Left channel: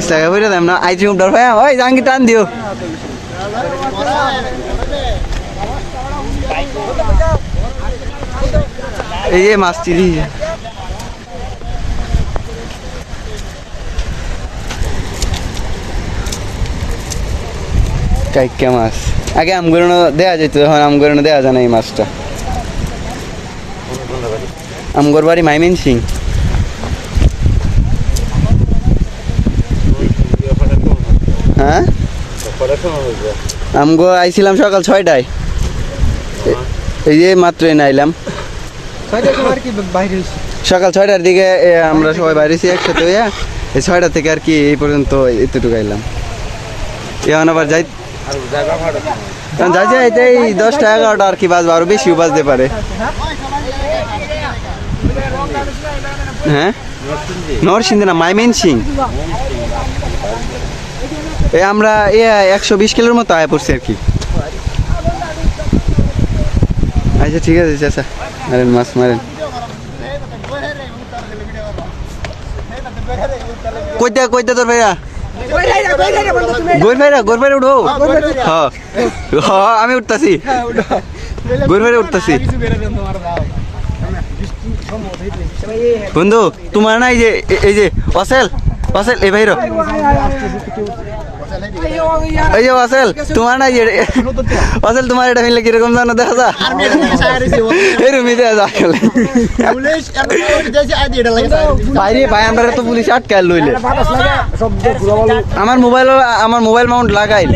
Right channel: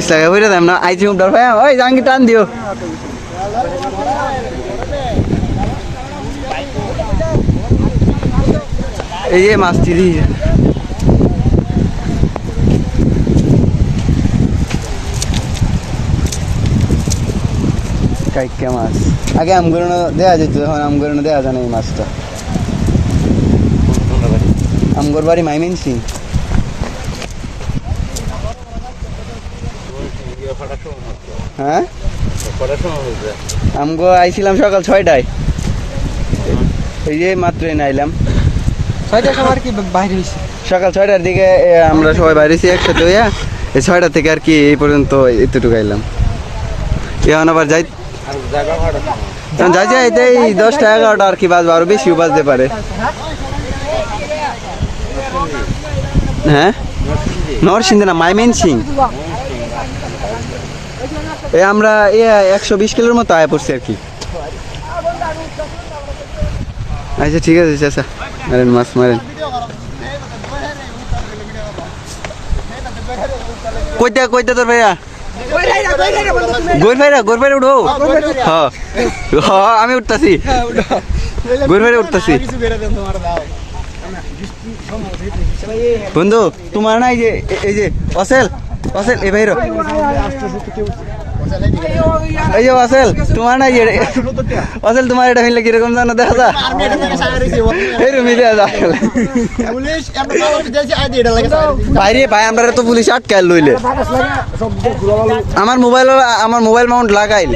ইসলামে বইরে দাম না আইছি উমটার ভাই ওই জাঙ্গি টান দিও। এই যে মাছটি কাইকা মাছ। আগে আমগরণ দেওয়া যেত, এখন আমগরণ দেওয়া যায় না এই মাছটা। আমগর বাড়ি মাইমেন সিং। হ্যাঁ? আমগো আইছিলাম সকাল ছয়টায়। এই যে মাত্র এনে আইলাম। সকাল ছয়টার দিকে এ, আমরা সবাই বাইরেছি একসাথে হইয়া এই ছয়টা থেকে আর কি এই পর্যন্ত এতটুকু আইলাম। এখন আবার যাই যাই যাইতে এই দশটা এগারোটা আর কি বাজবে আরও বেশিও বাজতে পারে। হ্যাঁ? নরসিংদী। না মাইমেন সিং এ আমরা এ একশো বিশ কিলোর মতো আয় পড়ছি আর কি। আচ্ছা ঠিক আছে, চাচা। মারেন, মাছ মারেন। কইতে কইতে তোর ভাইয়া? গোর ভাইরা গোর ভাইরা উঠো। হ্যাঁ। হ্যাঁ আমি উঠতাছি। গোর ভাইরা উঠতাছি। বন্ধু, তোমার না এই যে এই যে, অসেল? অসেল এই ভাইরো এই যে অসেল তোমার না এই যে তোমার এটা মিললে কীরকম জানো, দেখা যা। এরকম দেখা যা। বাইরে ভাই, আমরা তো পুলিশ আটকাল লইলে আমার মোবাইল আমার মোবাইল মাউন্ট লাগাইল